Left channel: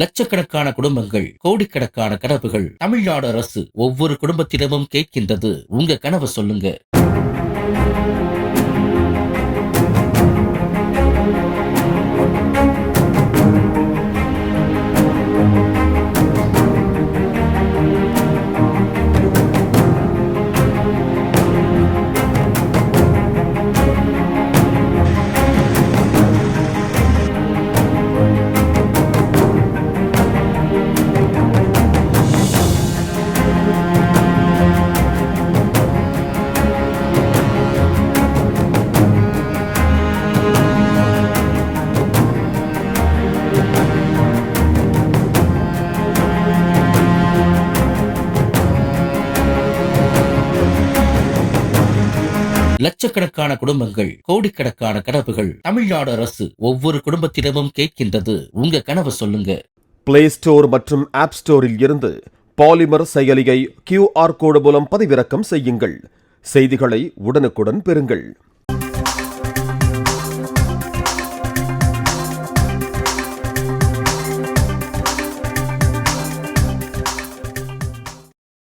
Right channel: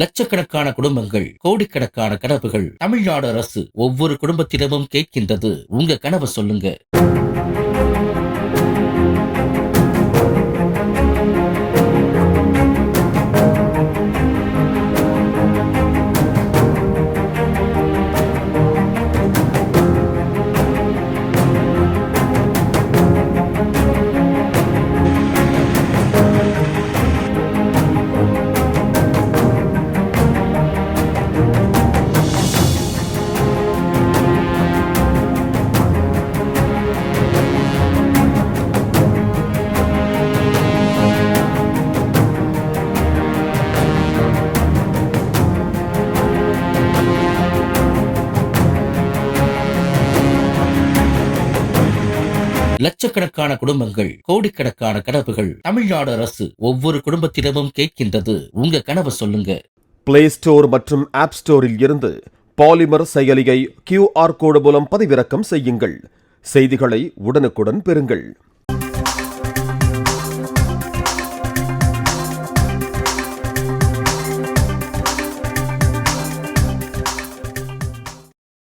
லட்சக்கணக்கான குடும்பங்கள், கோடிக்கணக்கான கனவுகள். தமிழ்நாடு அரசு ஒவ்வொரு குடும்பத்திடமும் கேட்கின்றது, உங்க கனவை சொல்லுங்க. லட்சக்கணக்கான குடும்பங்கள், கோடிக்கணக்கான கனவுகள். தமிழ்நாடு அரசு ஒவ்வொரு குடும்பத்திடமும் கேட்கின்றது, உங்க கனவை சொல்லுங்க. பிளே ஸ்டோர் மற்றும் ஆப் ஸ்டோரில் இருந்து பாலிமர் செயலியை QR கோடு மூலம் பதிவிறக்கம் செய்யுங்கள். செய்திகளை உடனுக்குடன் பெறுங்கள்.